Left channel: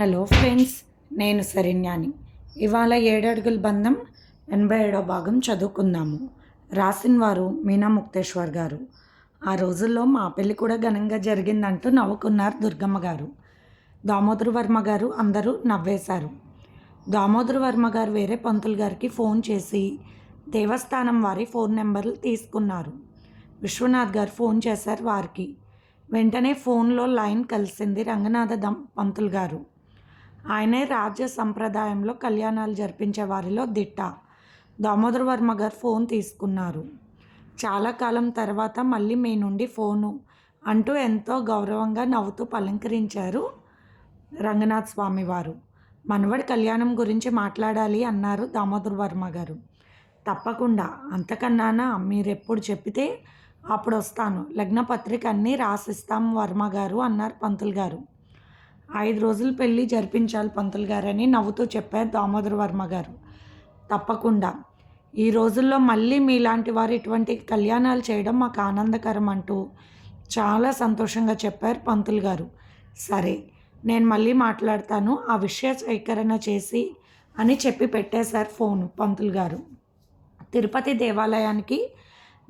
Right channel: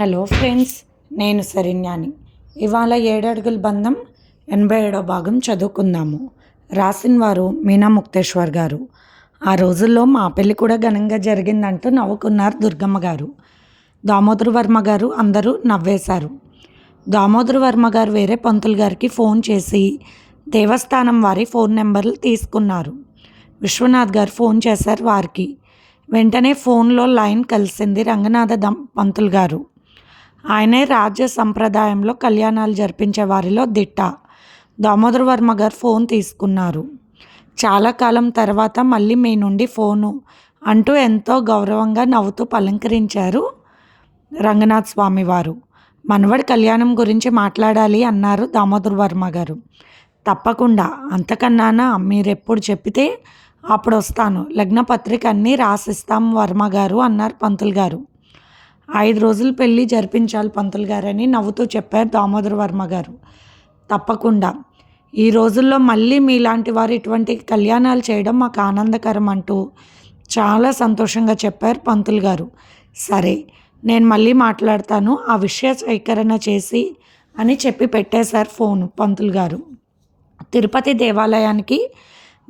Hello friends నేను సరిన్యాని. ఇవాళ ఏడడుగుల బంధం ఎనభై ఏడో భాగం చదువుకుందాము. రాసిన వారు మీనా ముక్తేశ్వర్ గారు. ఆ రోజుల్లో మా పెళ్ళి కూడా ఘనంగా జరిగిందంటూ నవ్వుకున్నారు దుర్గమ్మ గారు. దామోదర వర్మ గారు అందరూ నవ్వేశారు. దామోదర వర్మ గారు వేరే పంతులు గారికి ఫోన్ చేసి దేవస్థానం వారి ఫోన్ నెంబర్లు తీసుకున్నారు. విశ్వనాథ్ గారు ఫోన్ చేశారు వారికి. వెంటనే ఫోన్లో లైన్ కలిసింది రంగనాథ దం పంతులు గారు. ఆయనే రాజ్య సంప్రదాయంలో కళ్యాణాలు జరిపించే వారిలో దిట్ట. దామోదర వర్మ గారు ఫోన్ తీసుకున్నారు. చాలా కాలం తర్వాత మళ్ళీ మీ నుండి ఫోను అంటూ ఎంతో గౌరవంగా నవ్వుతూ పలంకరించారు రంగనాథ్ స్వామి వారు. మనవడి కళ్యాణం గురించి మాట్లాడాలి అన్నారు దామోదర్ వర్మ గారు. తప్పకుండా అంతకన్నానా? మీరెప్పుడు చెప్పితే అప్పుడు వస్తాను లగ్నపత్రిక అన్నీ రాసిస్తాం వర్మ గారు అన్నారు పంతులు గారు. ఐదు రోజులు పెళ్ళి జరిపించాలి పంతులు గారని నవ్వుతూ చెప్పారు దామోదర వర్మ గారు. తప్పకుండా. ఈ రోజుల్లో మళ్ళీ మీలాంటి వారు ఇటువంటి కళ్యాణాలు చేయడం మాకు ఆనందకరం అంటూ చాలా సంతోషంగా చెప్పారు పంతులు గారు. సరే నేను మళ్ళీ మాట్లాడతాను. ఆ విషయ స్వీకరణ చేసి అని చెప్పి పెట్టేశారు ఫోన్ పంతులు గారు. తిరుపతి దేవాలయానికి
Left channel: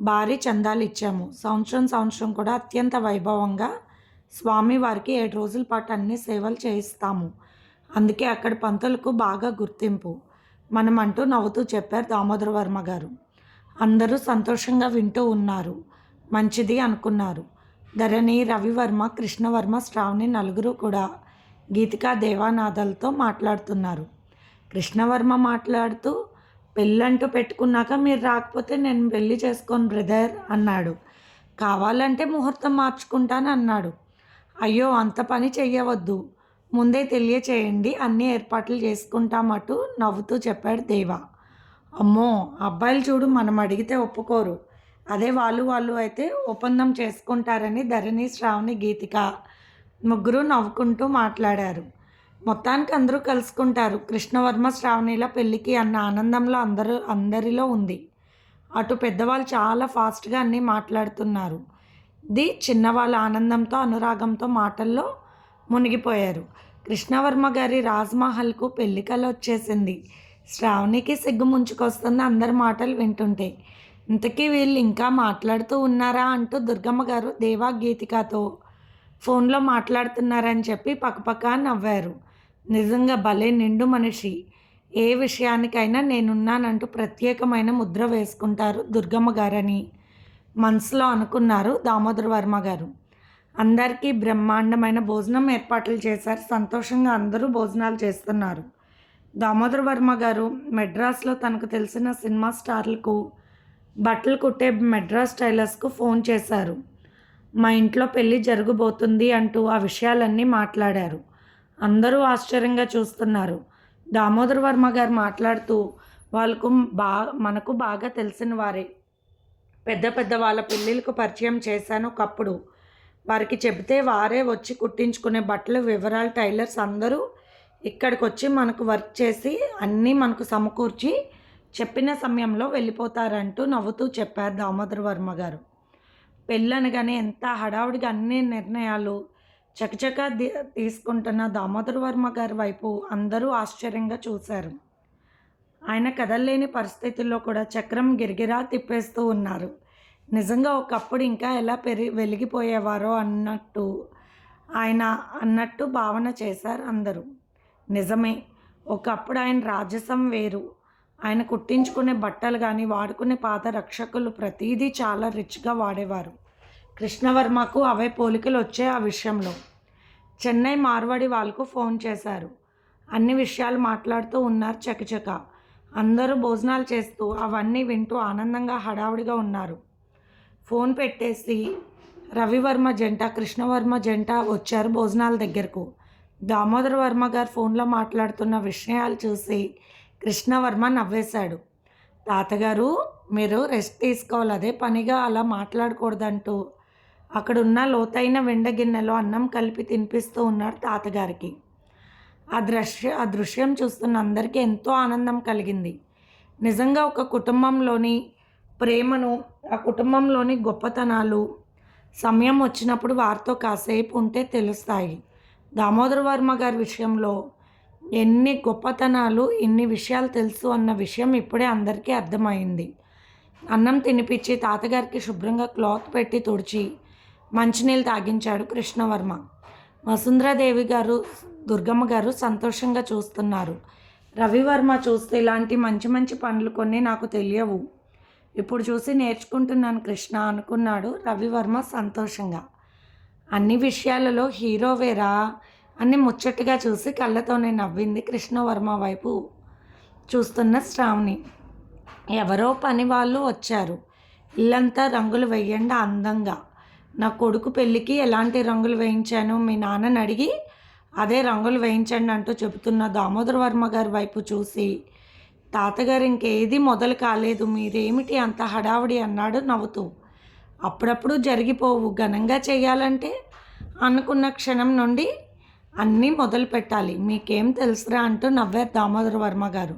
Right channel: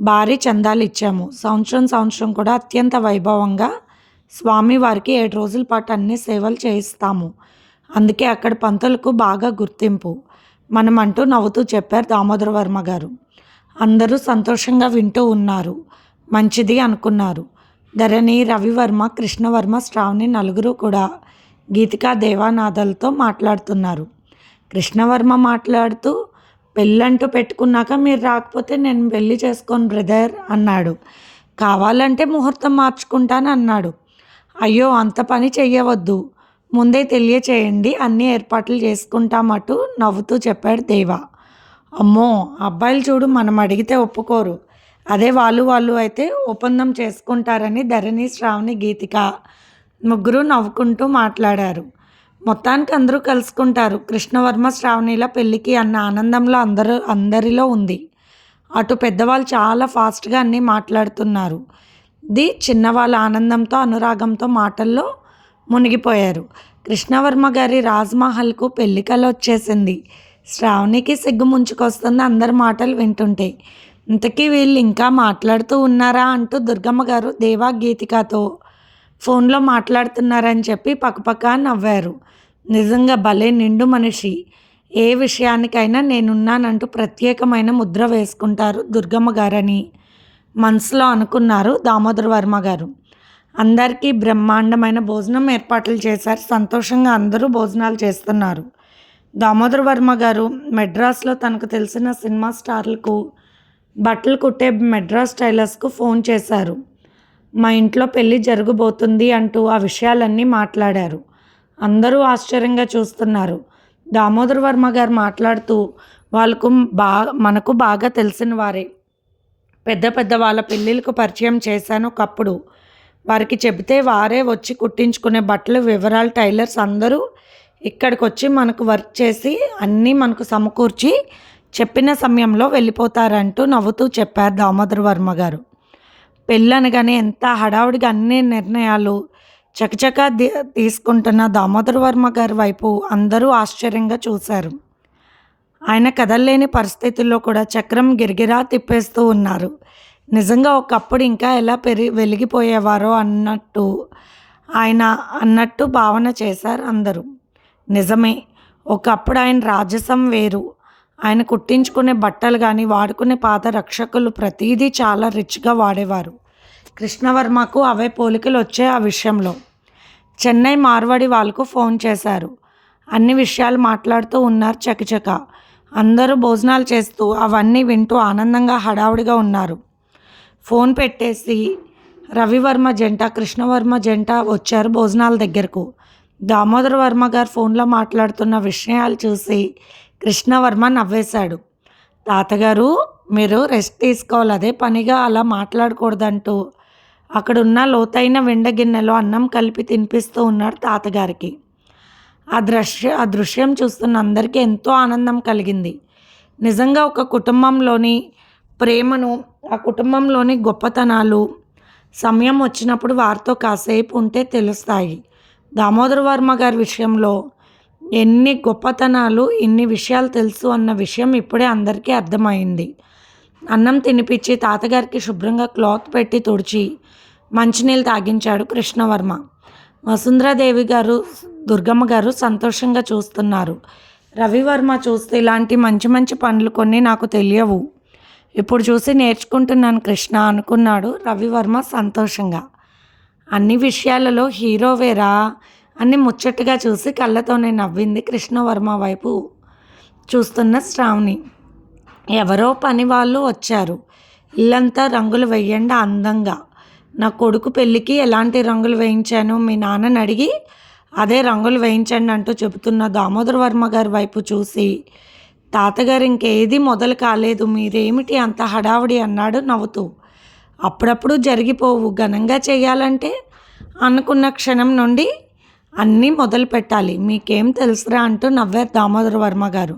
భారీ చందాలు ఇచ్చాము. సంవత్సరం సంవత్సరం కూడా అత్యంత వైభవంగా స్వామివారికి ఏడు రోజుల పాటు అన్ని సేవలు చేయిస్తాము. అందుకే అక్కడ పంతులకు బాగా గుర్తింపు. మనం అంటూ నవ్వుతూ చెప్పారు దామోదర వర్మ గారు. అందరూ సంతోషంగా వింటూ ఉన్నారు. మంచిది అనుకున్నారు. ధరణి రవివర్మ కృష్ణవర్మ శ్రావణి నలుగురు కూడా గీతికా దేవానాథలతో మాట్లాడుతున్నారు. కృష్ణవర్మ మాట్లాడుతూ పెళ్ళంటూ పెట్టుకున్నాక మీరు రాకపోతే నేను పెళ్ళి చేసుకోను బ్రదర్ అన్నాడు. కావాలంటే ముహూర్తం మార్చుకుంటాను అన్నాడు. అయ్యో అంత పని చెయ్యవద్దు. ముందే తెలియచేయండి అన్ని ఏర్పాట్లు చేసుకుంటామటు నవ్వుతూ చెప్పాడు దేవా. అమ్మో అబ్బాయిలు చూడు మనం అడిగితే ఒప్పుకోరు. అదే వాళ్ళు వాళ్ళు అయితే ఒప్పందం చేసుకుంటారని ధరణి శ్రావణి గీతిక ముగ్గురు నవ్వుకుంటూ మాట్లాడారు. మొత్తానికి అందరూ కలుసుకుంటారు. కృష్ణవర్మ శ్రావణిల పెళ్ళికి అన్న ఆనందంలో అందరూ అందరిలో ఉంది. అటు పెద్దవాళ్ళు చాలా ఫాస్ట్గా అన్నీ మాట్లాడుతున్నారు. ది చిన్నవాళ్ళ ఆనందంతో అనురాగంతో మాటల్లో మునిగిపోయారు. కృష్ణవర్మ గారి రాజ్మహల్కు పెళ్ళికల వచ్చేసింది. శ్రావణికి సిగ్గు ముంచుకొస్తుంది అందరి మాటలు వింటుంటే. ఇంతకీ వీళ్ళు ఇంకా మాట్లాడుతూ ఉన్నారా అంటూ దుర్గమ్మ గారు దేవా గీతికతో ఫోన్లో మాట్లాడుతున్నారని చెప్పి పక్కపక్క నవ్వారు. నిజంగా భలే నిండు మనిషి. ఏ విషయానికైనా నేనున్నానంటూ ప్రత్యేకమైన ముద్ర వేసుకుంటారు దుర్గమ్మ గారని. మనసులో అనుకున్నారు దామోదర్ వర్మ గారు. అందరికీ బ్రహ్మాండమైన భోజనం ఏర్పాట్లు చేశారు. సంతోషంగా అందరూ భోజనాలు చేస్తున్నారు. దామోదర్ వర్మ గారు మెడ్రాస్లో తనకు తెలిసిన సినిమా స్టార్లకు బట్టలు కుట్టే మెడ్రాస్ టైలర్స్కు ఫోన్ చేశారు. మా ఇంట్లో పెళ్ళి జరగబోతుంది అంటూ ఆ విషయాలన్నీ మాట్లాడారు. అందరూ ఆశ్చర్యంగా చూస్తున్నారు. దామోదర్ వర్మ గారు మాట్లాడుతూ వాళ్ళకు బాగా మనకు బాగా తెలిసిన వారే. పెద్ద పెద్ద వాళ్ళ పెళ్ళిళ్ళకు పరిచయం చేశాను ఒకప్పుడు. వారికి చెబితే వారే వచ్చి కుట్టించుకునే బట్టలు వివరాలు టైలర్స్ అందరూ ఇక్కడికి వచ్చి మనకు వర్క్ చేసి అన్నీ మనకు సమకూర్చి చెప్పిన సమయంలో వెళ్ళిపోతారంటూ నవ్వుతూ చెప్పారు దామోదర్ వర్మ గారు. పెళ్ళనగానే ఎంత హడావుడిగా అన్ని నిర్ణయాలు చకచకా తీసుకుంటున్న దామోదర్ వర్మ గారి వైపు అందరూ ఆశ్చర్యంగా చూశారు. ఆయన కదల్లేని పరిస్థితుల్లో కూడా చక్రం గిరిగిరా తిప్పేస్తూ ఉన్నారు. నిజంగా ఒకప్పుడు ఇంకా ఎలా పెరి వెలిగిపోయేవారో అన్నట్టు ఆయన అన్నట్టు భావన చేశారు అందరూ. నిజమే ఒకప్పుడు ఆయన రాజసం వేరు. ఆయన కుట్టించుకునే బట్టలు కానీ వాడుకునే పాత రక్షకులు ప్రతిదీ చాలా రిచ్గా వాడేవారు. కృష్ణవర్మకు అవే పోలికలు వచ్చే ఆ విషయంలో. చెన్నై మార్వాడి వాళ్ళకు ఫోన్ చేశారు. అన్ని విషయాలు మాట్లాడుతూ ఉన్నారు చకచక. అందరూ భోజనాలు చేస్తూ అవన్నీ వింటూ ఆనందంగా హడావుడిగా ఉన్నారు. ఫోన్ పెట్టేసి రవివర్మ జంట కృష్ణవర్మ జంట వచ్చారు భోజనాల దగ్గరకు. దామోదర వర్మ గారు ఫోన్లో మాట్లాడుతున్న విషయాలు చూసి కృష్ణవర్మ నవ్వేశాడు. తాతగారు మీరు రెస్ట్ తీసుకోవాలి అదే పనిగా అలా మాట్లాడకూడదంటూ అక్కడున్న లోతైన వెండ గిన్నెలో అన్నం కలిపి తినిపిస్తూ ఉన్నాడు తాతగారికి. ఆ దృశ్య ఆ దృశ్యం చూస్తున్న అందరికీ ఎంతో ఆనందం కలిగింది. నిజంగా ఒక కుటుంబంలోని ప్రేమను ఆ కుటుంబంలోని గొప్పతనాలు సమయం వచ్చినప్పుడు వారితో కాసేపు ఉంటే తెలుస్తాయి. దామోదర వర్మ గారి విషయంలో ఎన్ని గొప్పతనాలు ఇన్ని విషయాలు తెలుసు అన్న విషయం ఇప్పుడే అందరికీ అర్థమైంది. అన్నం తినిపించి తాతగారికి శుభ్రంగా క్లాత్ పెట్టి తుడిచి మంచినీళ్ళు తాగించాడు కృష్ణవర్మ. వసుంధరాదేవి గారు దుర్గమ్మ గారు సంతోషంగా చూస్తున్నారు. రవివర్మ చూస్తే ఇలాంటి మంచి మంచి పనులు కొన్ని నాకు తెలియవు. ఇప్పుడు చూసి నేర్చుకుంటున్నాను కృష్ణ అనుకున్నాడు రవివర్మ సంతోషంగా. అన్ని విషయాలలో హీరోవేరా అని ముచ్చటగా చూసి కళ్ళతోనే నవ్వింది కృష్ణవర్మ వైపు చూస్తున్న శ్రావణి. ఎవరో పని వాళ్ళు వచ్చారు. ఇల్లంతా రంగులు వేయండి అందంగా. నా కొడుకు పెళ్ళికి ఎలాంటి రంగులు వేయించాను? మీ నాన్నని అడిగి అదే రంగులు వేయించండి అంటూ చెబుతున్న దామోదర వర్మ గారి వైపు చూసి తాతగారు ఇంకేది మొదలు కాలేదు మీరేమిటి అంత హడావుడి అన్నాడు నవ్వుతూ. అప్పుడప్పుడు జరిగిపోవు ఘనంగా చేయాలంటే అనుకున్న క్షణం నుండి అన్నీ మొదలు పెట్టాలి. మీకేం తెలుసురా అంటూ నవ్వారు దామోదర వర్మ గారు.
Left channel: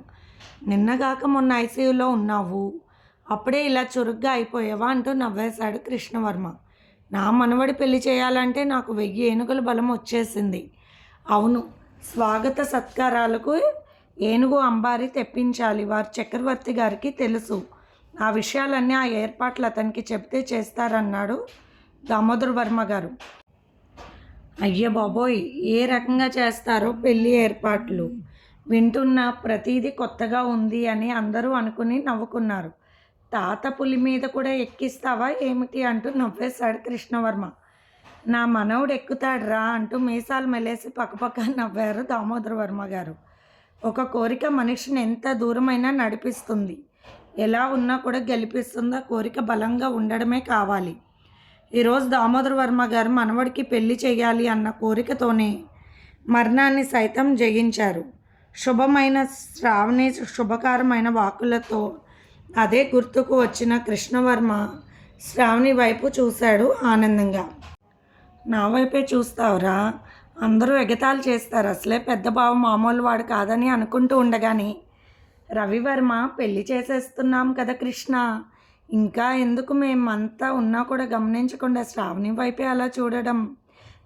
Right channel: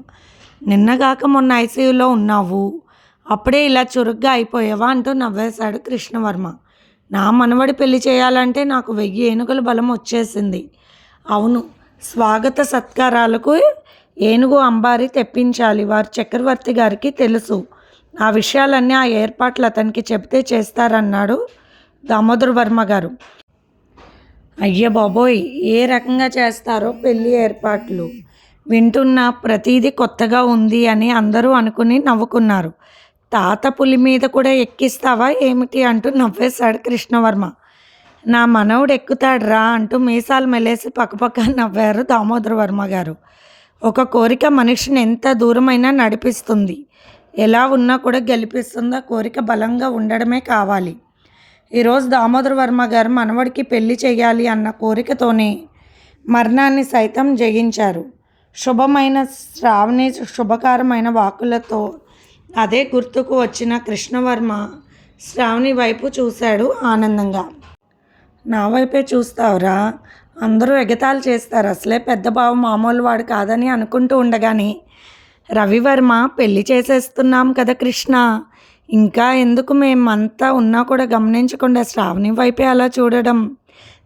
నిన్నగాక మొన్న ఐసీయూలో ఉన్నావు అప్పుడే ఇలా చురుగ్గా అయిపోయావా అంటూ నవ్వేశాడు కృష్ణవర్మ. నా మనవడి పెళ్ళి చేయాలంటే నాకు వెయ్యి ఏనుగుల బలం వచ్చేసింది. అవును. స్వాగత సత్కారాలకు ఏనుగు అంబారి తెప్పించాలి. వారి చక్రవర్తి గారికి తెలుసు. ఆ విషయాలన్నీ ఆ ఏర్పాట్లు అతనికి చెప్తే చేస్తారన్నాడు దామోదర్ వర్మ గారు. అయ్య బాబోయ్ ఏ రకంగా చేస్తారో పెళ్ళి ఏర్పాట్లు? వింటున్న ప్రతీది కొత్తగా ఉంది అని అందరూ అనుకుని నవ్వుకున్నారు. తాత పులి మీద కూడా ఎక్కిస్తావా ఏమిటి అంటూ నవ్వేశాడు కృష్ణవర్మ. నా మనవుడు ఎక్కుతాడ్రా అంటూ మీసాలు మెలేసి పక్కపక్క నవ్వారు దామోదర వర్మ గారు. ఒక కోరిక మనిషిని ఎంత దూరమైనా నడిపిస్తుంది. ఎలా ఉన్నా కూడా గెలిపిస్తుంది ఆ కోరిక బలంగా ఉండడమే కావాలి. ఈరోజు దామోదర వర్మ గారు మనవడికి పెళ్ళి చేయాలి అన్న కోరికతోనే మరణాన్ని సైతం జయించారు. శుభమైన శ్రావణి శుభకరమైన వాకులతో అదే గుర్తుకు వచ్చిన కృష్ణవర్మ శ్రావణి వైపు చూశాడు ఆనందంగా. నా వైపే చూస్తావురా? అందరూ ఎగతాళి చేస్తారు. అసలే పెద్ద బావ మామూలు వాడు కాదని అనుకుంటూ ఉండగాని రవివర్మ పెళ్ళి చేసేస్తున్నాం కదా కృష్ణ. ఇంకా ఎందుకు మేమంతా ఉన్నా కూడా గమనించకుండా శ్రావణి వైపే అలా చూడడం?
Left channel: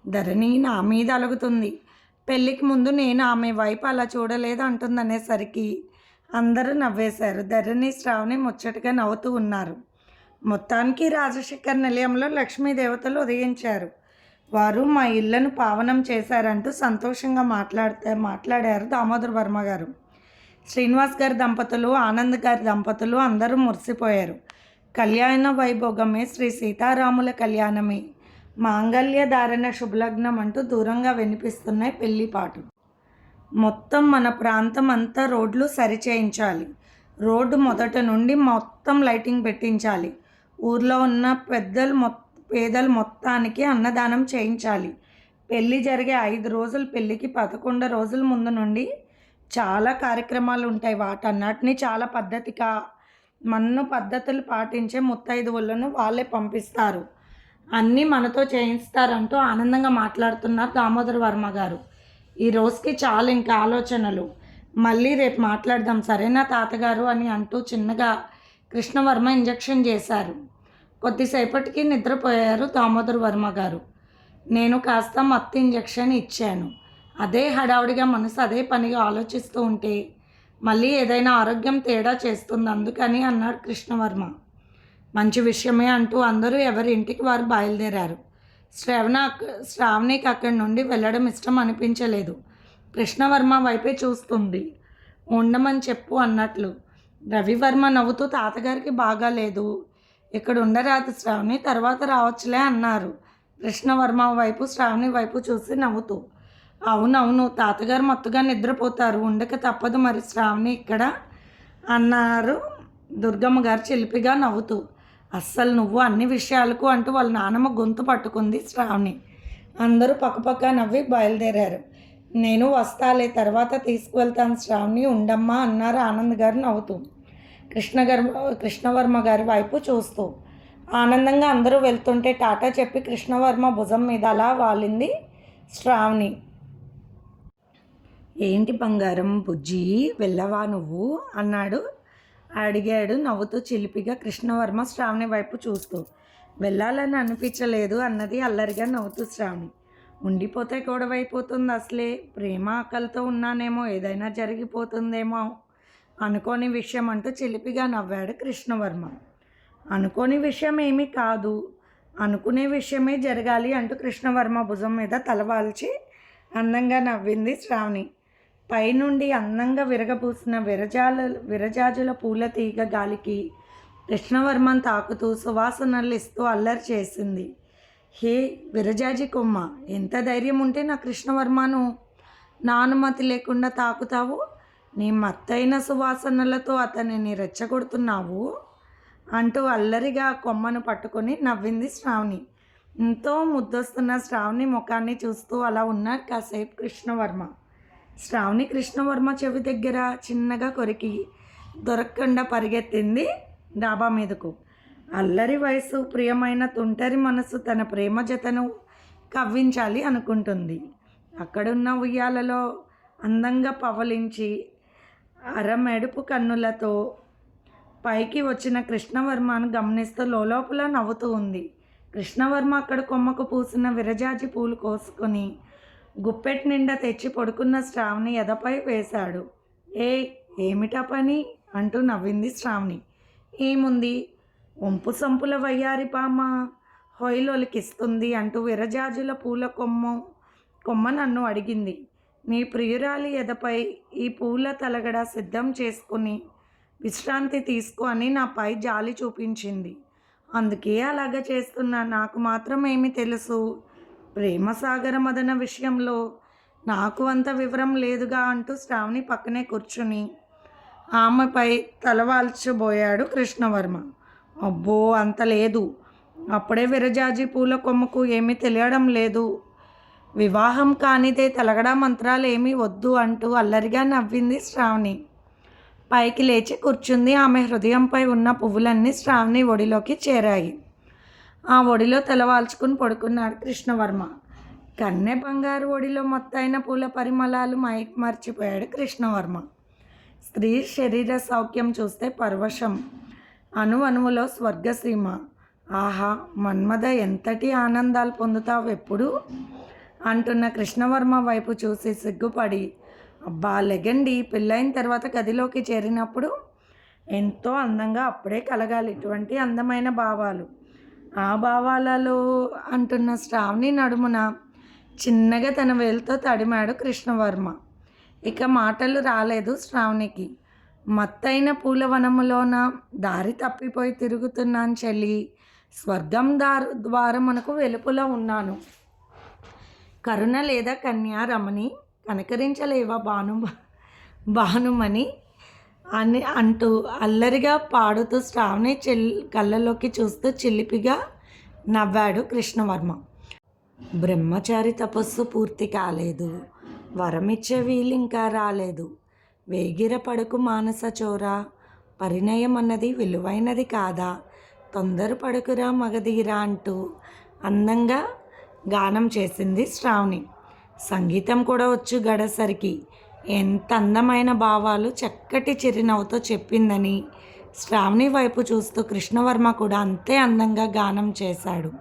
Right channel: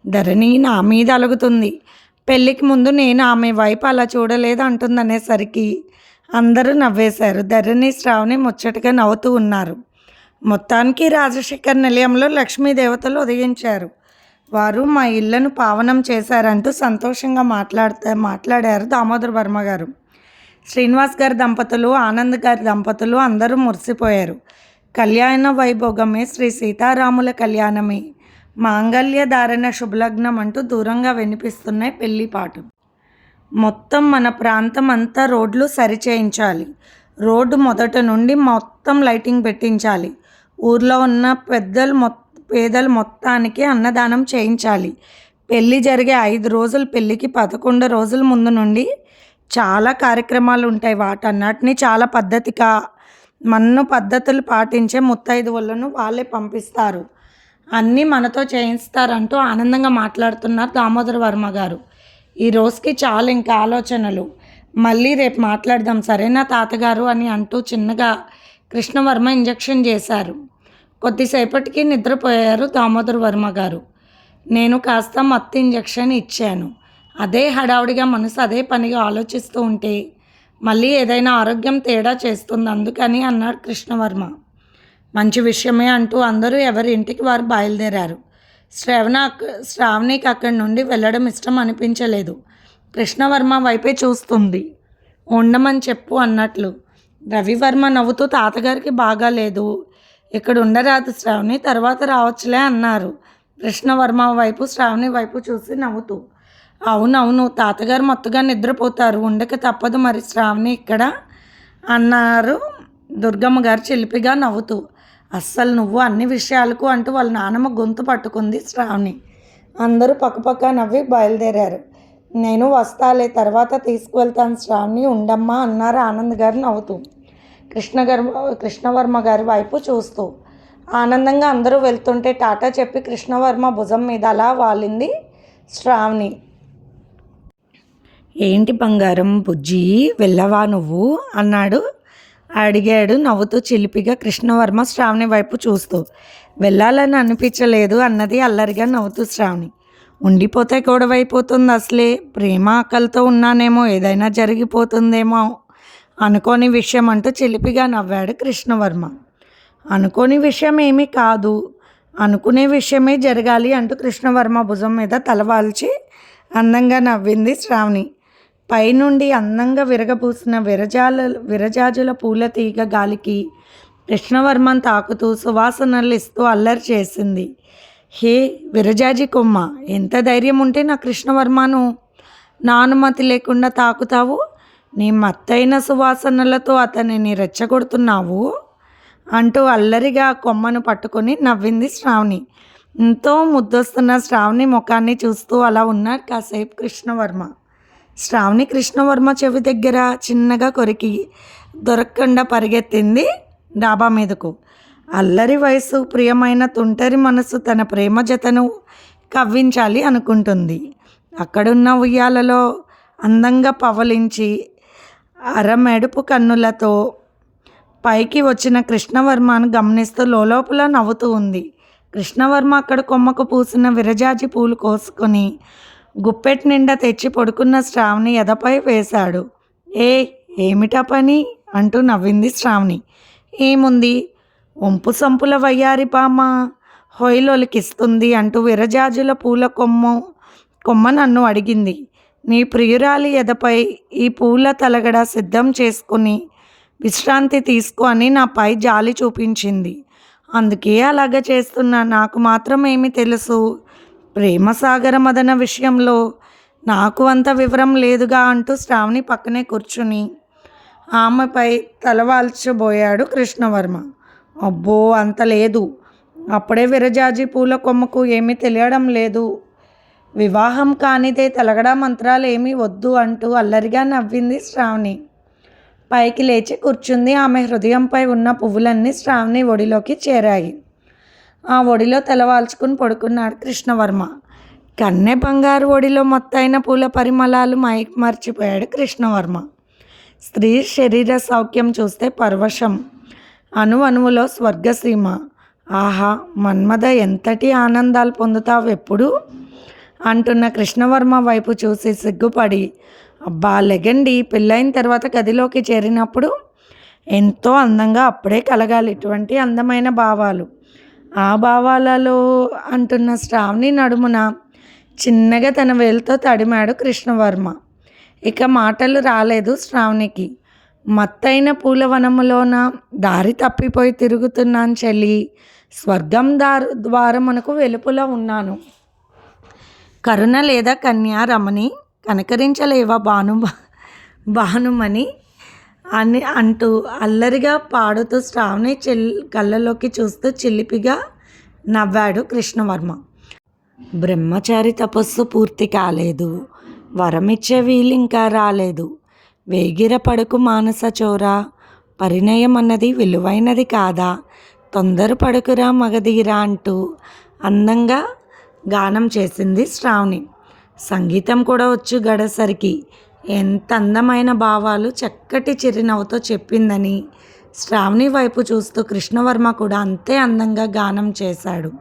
ధరణి నా మీద అలుగుతుంది. పెళ్ళికి ముందు నేను ఆమె వైపు అలా చూడలేదు అంటుందనేసరికి అందరూ నవ్వేశారు. ధరణి శ్రావణి ముచ్చటగా నవ్వుతూ ఉన్నారు. మొత్తానికి రాజశేఖర్ నిలయంలో లక్ష్మీదేవతలు ఉదయించారు. వారు మా ఇళ్ళను పావనం చేశారంటూ సంతోషంగా మాట్లాడుతా మాట్లాడారు దామోదర్ వర్మ గారు. శ్రీనివాస్ గారి దంపతులు ఆనంద్ గారి దంపతులు అందరూ మురిసిపోయారు. కళ్యాణ వైభోగమే శ్రీ సీతారాముల కళ్యాణమే. మాంగళ్య ధారణ శుభలగ్నం అంటూ దూరంగా వినిపిస్తున్నాయి పెళ్ళి పాటు మొత్తం మన ప్రాంతం అంతా రోడ్లు సరిచేయించాలి. రోడ్డు మొదట నుండి మొత్తం లైటింగ్ పెట్టించాలి. ఊర్లో ఉన్న పెద్దలు మొత్తం పేదలు మొత్తానికి అన్నదానం చేయించాలి. పెళ్ళి జరిగే ఐదు రోజులు పెళ్ళికి పదకొండు రోజుల ముందు నుండి చాలా కార్యక్రమాలు ఉంటాయి. వాటన్నిటిని చాలా పద్ధతిగా మన్ను పద్ధతులు పాటించే ముత్తైదువులను వాళ్ళే పంపిస్తారు. అన్నీ మనతో చేయిస్తారంటూ ఆనందంగా మాట్లాడుతున్నారు దామోదర వర్మ గారు. ఈ రోజుకి చాలా ఇంకా ఆలోచనలు. మళ్ళీ రేపు మాట్లాడదాం. సరేనా తాతగారు అని అంటూ చిన్నగా కృష్ణవర్మ ఇంజెక్షన్ చేశారు. కొద్దిసేపటికి నిద్రపోయారు దామోదర్ వర్మ గారు. నేను కాస్త మత్తు ఇంజెక్షన్ ఇచ్చాను. అదే హడావుడిగా మనసు అదే పనిగా ఆలోచిస్తూ ఉంటే మళ్ళీ ఏదైనా ఆరోగ్యం తేడా చేస్తుంది అందుకని అన్నాడు కృష్ణవర్మ. మంచి విషయమే అంటూ అందరూ ఎవరి ఇంటికి వారు బయలుదేరారు. శ్రవణ శ్రావణికి అక్కడి నుండి వెళ్ళడం ఇష్టం అనిపించలేదు. కృష్ణవర్మ వైపే చూస్తుంది. ఉండమని చెప్పు అన్నట్లు. రవివర్మ నవ్వుతూ తాతగారికి బాగాలేదు. ఇక్కడ ఉండరాదు శ్రావణి తర్వాత రావచ్చులే అన్నారు. కృష్ణవర్మ వైపు శ్రావణి వైపు చూసి నవ్వుతూ అవునవును తాతగారు మొత్తగా నిద్రపోతారు. ఉండక తప్పదు మరి శ్రావణి ఇక్కడ అన్నారు దుర్గమ్మ గారు చిలిపిగా నవ్వుతూ. అస్సలు నువ్వు అన్ని విషయాలకు అంటూ వాళ్ళ నానమ్మ గొంతు పట్టుకుంది శ్రావణి. అందరూ పక్కపక్క నవ్వి బయలుదేరారు. నేను వస్తాలే తర్వాత తీసుకువెళ్తాను శ్రావణి ఉండమ్మా అన్నారు ఆనంద్ గారు నవ్వుతూ. కృష్ణ కృష్ణవర్మ గారి వైపు చూస్తూ ఆనందంగా అందరూ వెళ్తుంటే టాటా చెప్పి కృష్ణవర్మ భుజం మీద అలా వాలింది శ్రావణి. ఏంటి బంగారం బుజ్జి వెళ్ళవా నువ్వు? అన్నాడు. అడిగాడు నవ్వుతూ చిలిపిగా కృష్ణవర్మ శ్రావణి వైపు చూస్తూ వెళ్ళాలని అనిపించలేదు అన్నది అల్లరిగా నవ్వుతూ శ్రావణి. ఉండిపోతే గొడవ అయిపోతుంది అసలే ప్రేమ ఆకలితో ఉన్నానేమో ఏదైనా జరిగిపోతుందేమో అనుకోని విషయం అంటూ చిలిపిగా నవ్వాడు కృష్ణవర్మ. అనుకోని విషయం ఏమీ కాదు. అనుకునే విషయమే జరగాలి అంటూ కృష్ణవర్మ భుజం మీద తలవాల్చి అందంగా నవ్వింది శ్రావణి. పైనుండి అందంగా విరగబూసిన విరజాల విరజాజుల పూల తీగ గాలికి కృష్ణవర్మను తాకుతూ సువాసనలు ఇస్తూ అల్లరి చేసింది. హే విరజాజి కొమ్మ ఎంత ధైర్యం ఉంటే నా కృష్ణవర్మను నా అనుమతి లేకుండా తాకుతావు? నీ మత్తైన సువాసనలతో అతనిని రెచ్చగొడుతున్నావు? అంటూ అల్లరిగా కొమ్మను పట్టుకొని నవ్వింది శ్రావణి. ఎంతో ముద్దొస్తున్న శ్రావణి ముఖాన్ని చూస్తూ అలా ఉన్నాడు కాసేపు కృష్ణవర్మ. శ్రావణి కృష్ణవర్మ చెవి దగ్గర చిన్నగా కొరికి దొరకకుండా పరిగెత్తింది డాబా మీదకు. అల్లరి వయసు ప్రియమైన తుంటరి మనసు తన ప్రేమ జతను కవ్వించాలి అనుకుంటుంది. అక్కడున్న ఉయ్యాలలో అందంగా పవలించి అరమెడుపు కన్నులతో పైకి వచ్చిన కృష్ణవర్మను గమనిస్తూ లోపల నవ్వుతూ ఉంది. కృష్ణవర్మ అక్కడ కొమ్మకు పూసిన విరజాజి పూలు కోసుకొని గుప్పెట్ నిండా తెచ్చి పడుకున్న శ్రావణి ఎదపై వేశాడు. ఏ ఏమిటా పని? అంటూ నవ్వింది శ్రావణి. ఏముంది? ఒంపు సంపుల వయ్యారి పామ? హొయ్యలోలికిస్తుంది అంటూ విరజాజుల పూల కొమ్మ కొమ్మ నన్ను అడిగింది. నీ ప్రియురాలి ఎదపై ఈ పూల తలగడ సిద్ధం చేసుకుని విశ్రాంతి తీసుకో అని నాపై జాలి చూపించింది. అందుకే అలాగ చేస్తున్నా. నాకు మాత్రం ఏమి తెలుసు. ప్రేమసాగర మదన విషయంలో నాకు అంత వివరం లేదుగా అంటూ శ్రావణి పక్కనే కూర్చుని ఆమెపై తలవాల్చబోయాడు కృష్ణవర్మ. అబ్బో! అంత లేదు. అప్పుడే విరజాజి పూల కొమ్మకు ఏమీ తెలియడం లేదు. వివాహం కానిదే తలగడా మంత్రాలు ఏమీ వద్దు అంటూ అల్లరిగా నవ్వింది శ్రావణి. పైకి లేచి కూర్చుంది ఆమె హృదయంపై ఉన్న పువ్వులన్నీ శ్రావణి ఒడిలోకి చేరాయి. ఆ ఒడిలో తలవాల్చుకుని పడుకున్నాడు కృష్ణవర్మ. కన్నె బంగారు ఒడిలో మొత్తైన పూల పరిమళాలు మైక్ మర్చిపోయాడు కృష్ణవర్మ. స్త్రీ శరీర సౌఖ్యం చూస్తే పర్వశం. అణు అణువులో స్వర్గసీమ. ఆహా మన్మద ఎంతటి ఆనందాలు పొందుతావు ఎప్పుడు? అంటున్న కృష్ణవర్మ వైపు చూసి సిగ్గుపడి అబ్బా లెగండి. పెళ్ళైన తర్వాత గదిలోకి చేరినప్పుడు ఎంతో అందంగా అప్పుడే కలగాలి. ఇటువంటి అందమైన భావాలు. ఆ భావాలలో అంటున్న శ్రావణి నడుమున చిన్నగా తన వేలుతో తడిమాడు కృష్ణవర్మ. ఇక మాటలు రాలేదు శ్రావణికి. మత్తైన పూలవనములోన దారి తప్పిపోయి తిరుగుతున్నాను చెల్లి. స్వర్గం దారు ద్వారమునకు వెలుపులో ఉన్నాను. కరుణ లేదా కన్యా రమణి కనకరించలేవా భాను భానుమని అని అంటూ అల్లరిగా పాడుతూ శ్రావణి చెల్ కళ్ళలోకి చూస్తూ చిలిపిగా నవ్వాడు కృష్ణవర్మ. బ్రహ్మచారి తపస్సు పూర్తి కాలేదు. వరమిచ్చే వీలు ఇంకా రాలేదు. వేగిర పడుకు మానస చోర. పరిణయం అన్నది విలువైనది కాదా? తొందర పడుకురా మగధీరా అంటూ అందంగా గానం చేసింది శ్రావణి. సంగీతం కూడా వచ్చు గడసరికి. ఎంత అందమైన భావాలు చక్కటి చిరునవ్వుతో చెప్పిందని శ్రావణి వైపు చూస్తూ కృష్ణవర్మ కూడా అంతే అందంగా గానం చేశాడు.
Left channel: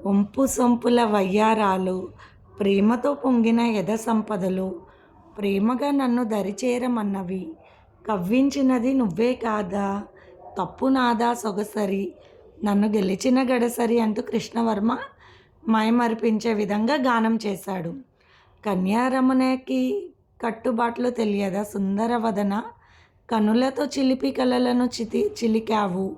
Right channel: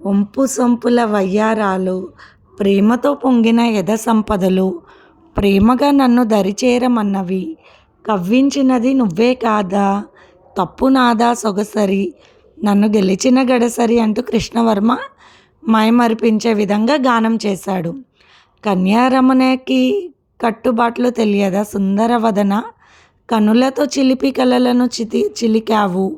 ఒంపు సొంపుల వయ్యారాలు ప్రేమతో పొంగిన యథ సంపదలు ప్రేమగా నన్ను దరిచేరమన్నవి కవ్వించినది నువ్వే కాదా తప్పు నాదా సొగసరి నన్ను గెలిచిన గడసరి అంటూ కృష్ణవర్మ మైమరిపించే విధంగా గానం చేశాడు. కన్యారమణకి కట్టుబాట్లు తెలియదా సుందరవదన? కనులతో చిలిపి కలలను చితి చిలికావు.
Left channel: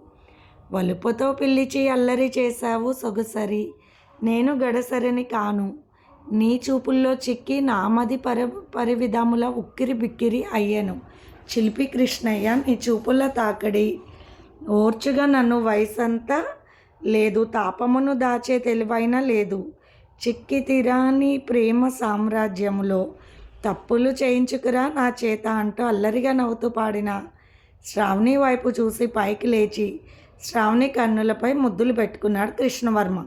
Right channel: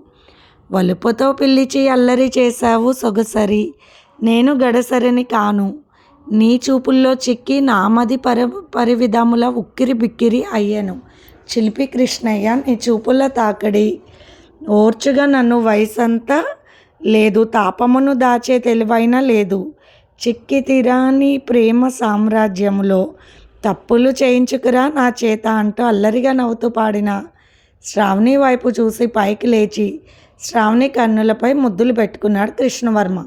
వలుపుతో పిలిచి అల్లరి చేశావు సొగసరి. నేను గడసరిని కాను. నీ చూపుల్లో చిక్కి నామది పరి పరివిధముల ఉక్కిరి బిక్కిరి అయ్యాను. చిలిపి కృష్ణయ్య నీ చూపుల తాకడి. ఓర్చుగా నన్ను వయసంతా లేదు తాపమును దాచే తెలివైన లేదు. చిక్కి తీరాని ప్రేమ సామ్రాజ్యములో తప్పులు చేయించుకురా నా చేత అంటూ అల్లరిగా నవ్వుతూ పాడిన శ్రావణి వైపు చూసి పైకి లేచి శ్రావణి కన్నులపై ముద్దులు పెట్టుకున్నాడు కృష్ణవర్మ.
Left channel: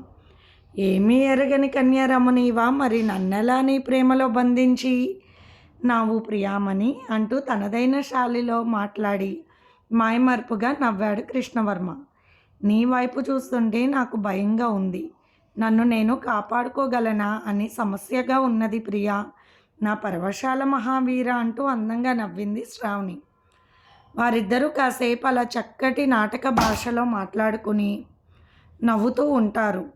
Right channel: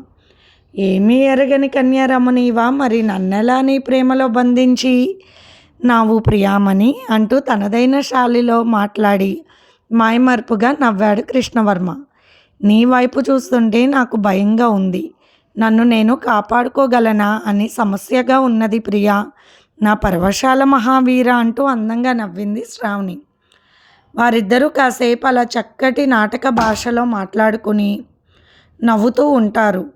ఏమీ ఎరగని కన్యారమణివా మరి నన్నెలా నీ ప్రేమలో బంధించి? నావు ప్రియామణి అంటూ తనదైన శాలిలో మాట్లాడి మాయమర్పుగా నవ్వాడు కృష్ణవర్మ. నీ వైపు చూస్తుంటే నాకు భయంగా ఉంది. నన్ను నేను కాపాడుకోగలనా అని సమస్యగా ఉన్నది ప్రియా. నా పరవశాల మహావీర అంటూ అందంగా నవ్వింది శ్రావణి. వారిద్దరూ కాసేపు అలా చక్కటి నాటక భాషలో మాట్లాడుకుని నవ్వుతూ ఉంటారు.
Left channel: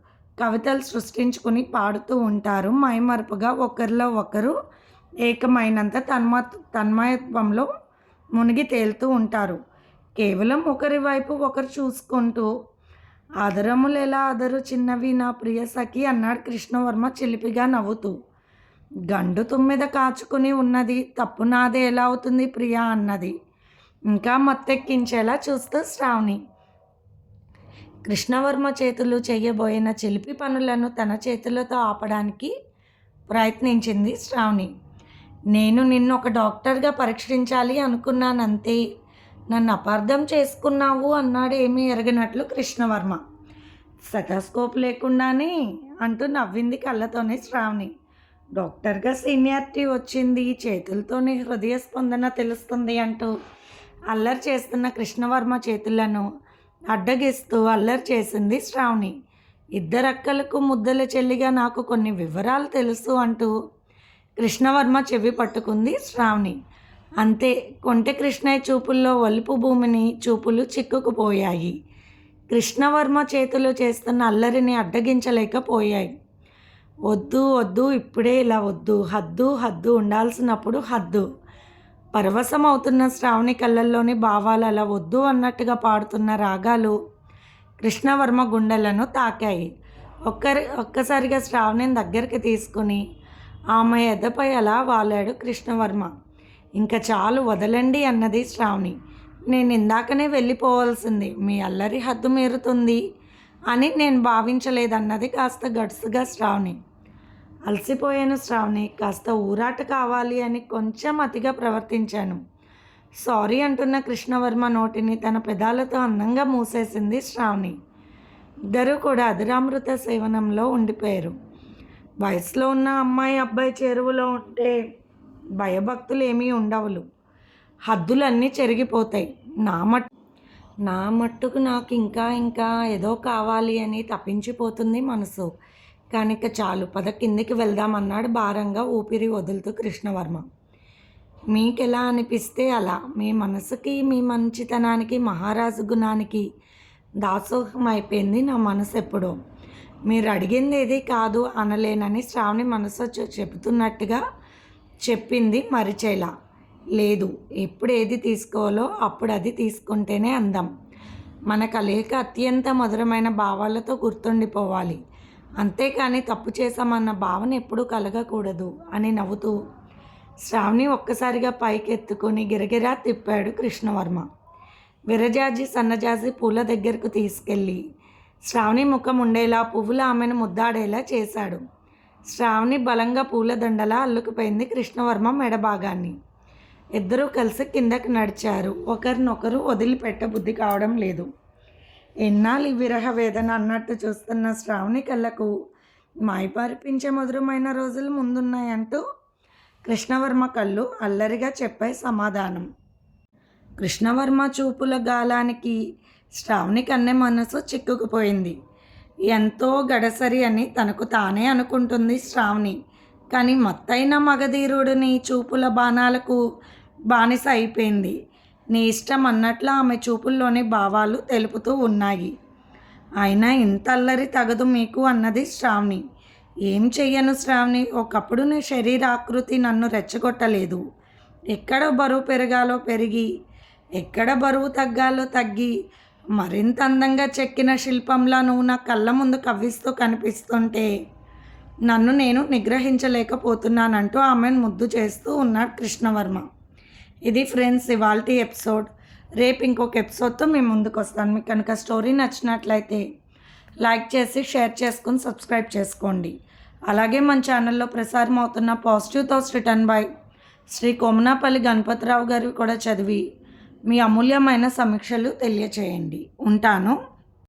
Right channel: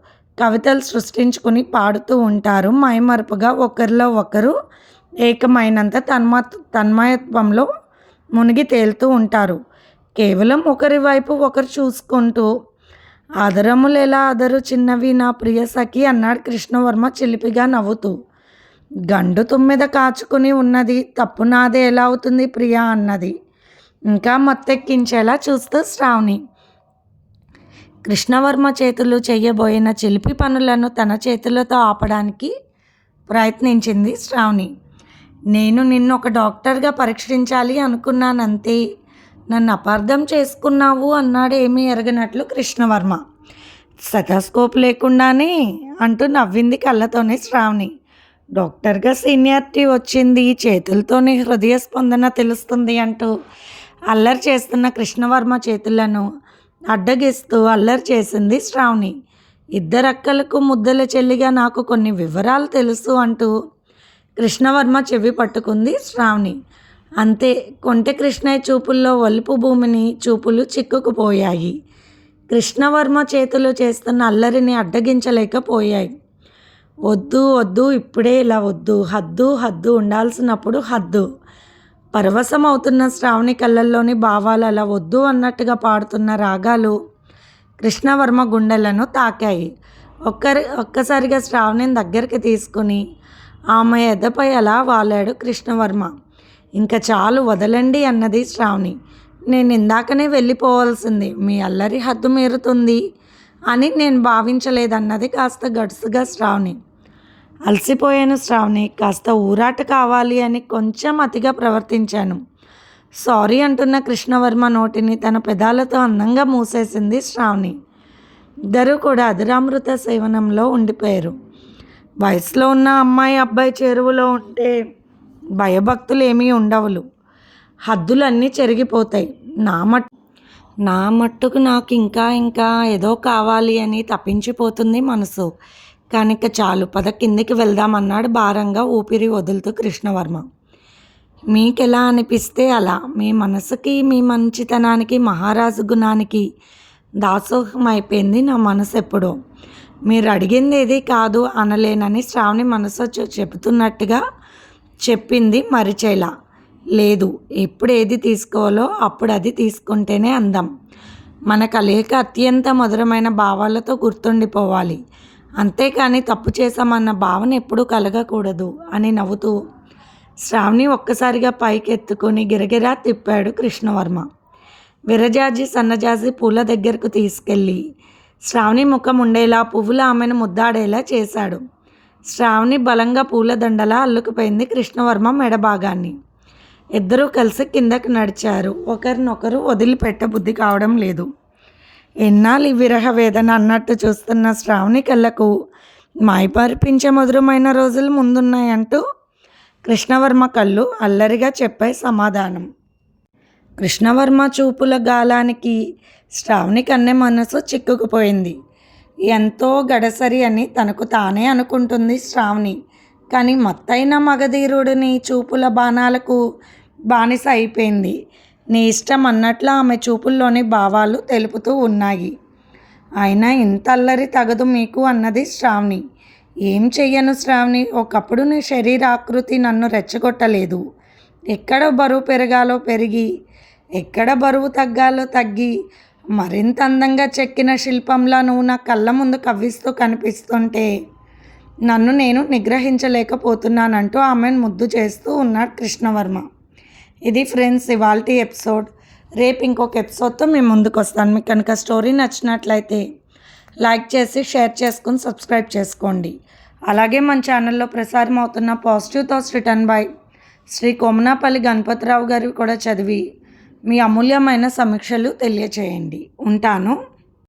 కవితలు సృష్టించుకుని పాడుతూ ఉంటారు. మైమరుపుగా ఒకరిలో ఒకరు ఏకమైనంత తన్మ తన్మయత్వంలో మునిగి తేలుతూ ఉంటారు. కేవలం ఒకరి వైపు ఒకరు చూసుకుంటూ ఆదరములు ఎలా ఆదరు చిన్నవి నా ప్రియ సఖి అన్నాడు కృష్ణవర్మ చిలిపిగా నవ్వుతూ. గండు తుమ్మెద కాచుకుని ఉన్నది తప్పు నాదే ఎలా అవుతుంది ప్రియా అన్నది. ఇంకా మత్తెక్కించేలా చూస్తూ శ్రావణి. కృష్ణవర్మ చేతులు చేయబోయిన చిలిపి పనులను తన చేతులతో ఆపడానికి ప్రయత్నించింది శ్రావణి. నేను నిన్ను ఒక డాక్టర్గా పరీక్షించాలి అనుకున్నానంతే నన్ను అపార్థం చేసుకున్నావు అన్నాడు ఏమీ ఎరగనట్లు కృష్ణవర్మ. స్టెథోస్కోప్ లేకుండానే అంటూ నవ్వింది కళ్ళతోనే శ్రావణి. డాక్టర్గా సీనియారిటీ వచ్చింది చేతులతోనే హృదయ స్పందన తెలుస్తుంది అంటూ అల్లరి చేస్తున్న కృష్ణవర్మ చేతులను అడ్డగిస్తూ అల్లరి చేసింది శ్రావణి. ఇద్దరక్కలకు ముద్దల చెల్లిగా నాకు కొన్ని వివరాలు తెలుసు అంటూ కృష్ణవర్మ చెవి పట్టుకుంది శ్రావణి. అంతే కొంటె కృష్ణయ్య చూపుల్లో వలుపు భూమిని చూపులు చిక్కుకుపోయాయి. కృష్ణవర్మ చేతులు చేస్తున్న అల్లరిని అడ్డగించలేకపోయాయి. వద్దు వద్దు ఇప్పుడే ఇలా వద్దు హద్దు హద్దు ఉండాల్సినప్పుడు హద్దు. పరవశం అవుతున్న శ్రావణి కళ్ళల్లోని భావాలు అలా వద్దు అన్నట్టుగా పాడుతున్న రాగాలు కృష్ణవర్మ గుండెలను తాకాయి. ఒక్కరి ఒక్కసారిగా శ్రావణిని దగ్గరికి తీసుకుని ఆమె ఎదపై అలా వాలాడు కృష్ణవర్మ. ఇంకా చాలు వదలండి అన్నది శ్రావణి. నేను ఇందాకనే వెళ్ళిపోవాల్సింది. మీ అల్లరి హద్దు మీరుతుంది అని నేను భావించలేదన్నది కాస్త గడుసుగా శ్రావణి. అలసిపోయాను శ్రావణి. కాస్త ఊరాట కావాలి అని కొంచెం అతిగా ప్రవర్తించాను. సారీ అంటున్న కృష్ణవర్మ నోటిని తన పెదాలతో అందంగా మూసేసింది శ్రావణి. ఇద్దరూ కూడా అధురామృత సేవనంలో ఉండిపోయారు. వయసులో ఉన్న అమ్మాయి అబ్బాయి చెరువులో ఉంటే భయభక్తులు ఏమీ ఉండవులు. హద్దులన్నీ చెరిగిపోతాయి. నా మట్ నా మట్టుకు నాకు ఇంకా ఇంకా ఏదో కావాలి అని తప్పించిపోతుంది మనసు. కనుక చాలు పద కిందికి వెళ్దామన్నాడు భారంగా ఊపిరి వదులుతూ కృష్ణవర్మ. మీకు ఎలా అనిపిస్తే అలా. మీ మనసుకి మీ మంచితనానికి మహారాజు గుణానికి దాసోహం అయిపోయింది నా మనసు ఎప్పుడో మీరు అడిగింది ఏది కాదు అనలేనని శ్రావణి మనసు చెబుతున్నట్టుగా చెప్పింది మరిచేలా. లేదు ఎప్పుడు ఏది తీసుకోవాలో అప్పుడు అది తీసుకుంటేనే అందం. మన కలయిక అత్యంత మధురమైన భావాలతో గుర్తుండిపోవాలి. అంతేకాని తప్పు చేశామన్న భావన ఎప్పుడూ కలగకూడదు అని నవ్వుతూ శ్రావణి ఒక్కసారిగా పైకెత్తుకొని గిరగిరా తిప్పాడు కృష్ణవర్మ. విరజాజి సన్నజాజి పూల దగ్గరకు తీసుకెళ్ళి శ్రావణి ముఖం ఉండేలా పువ్వుల ఆమెను ముద్దాడేలా చేశాడు. శ్రావణి బలంగా పూలదండలా అల్లుకుపోయింది కృష్ణవర్మ మెడభాగాన్ని. ఇద్దరూ కలిసి కిందకి నడిచారు. ఒకరినొకరు వదిలిపెట్ట బుద్ధి కావడం లేదు. ఎన్నాళ్ళు విరహ వేదన అన్నట్టు చూస్తున్న శ్రావణి కళ్ళకు మాయపరిపించే మధురమైన రోజులు ముందున్నాయంటూ కృష్ణవర్మ కళ్ళు అల్లరిగా చెప్పే సమాధానం. కృష్ణవర్మ చూపుల గాలానికి శ్రావణి కన్నె మనసు చిక్కుకుపోయింది. ఎంతో గడసరి అని తనకు తానే అనుకుంటుంది శ్రావణి. కానీ మత్తైన మగధీరుడిని చూపుల బాణాలకు బానిస అయిపోయింది. నీ ఇష్టం అన్నట్లు ఆమె చూపుల్లోని భావాలు తెలుపుతూ ఉన్నాయి. అయినా ఇంత అల్లరి తగదు మీకు అన్నది శ్రావణి. ఏం చెయ్యను శ్రావణి? ఒకప్పుడు నీ శరీరాకృతి నన్ను రెచ్చగొట్టలేదు. ఎక్కడ బరువు పెరగాలో పెరిగి ఎక్కడ బరువు తగ్గాలో తగ్గి మరింత అందంగా చెక్కిన శిల్పంలా నువ్వు నా కళ్ళ ముందు కవ్విస్తూ కనిపిస్తుంటే నన్ను నేను నిగ్రహించలేకపోతున్నానంటూ ఆమెను ముద్దు చేస్తూ ఉన్నాడు కృష్ణవర్మ. ఇది ఫ్రెండ్స్ ఇవాళ ఎపిసోడ్. రేపు ఇంకొక ఎపిసోడ్తో మేము ముందుకు వస్తాను మీకు కనుక స్టోరీ నచ్చినట్లయితే లైక్ చేసి షేర్ చేసుకుని సబ్స్క్రైబ్ చేసుకోండి. అలాగే మన ఛానల్లో ప్రసారం అవుతున్న positive thoughts written by Shri Komanapalli Ganapathi Rao గారు కూడా చదివి మీ అమూల్యమైన సమీక్షలు తెలియచేయండి. ఉంటాను.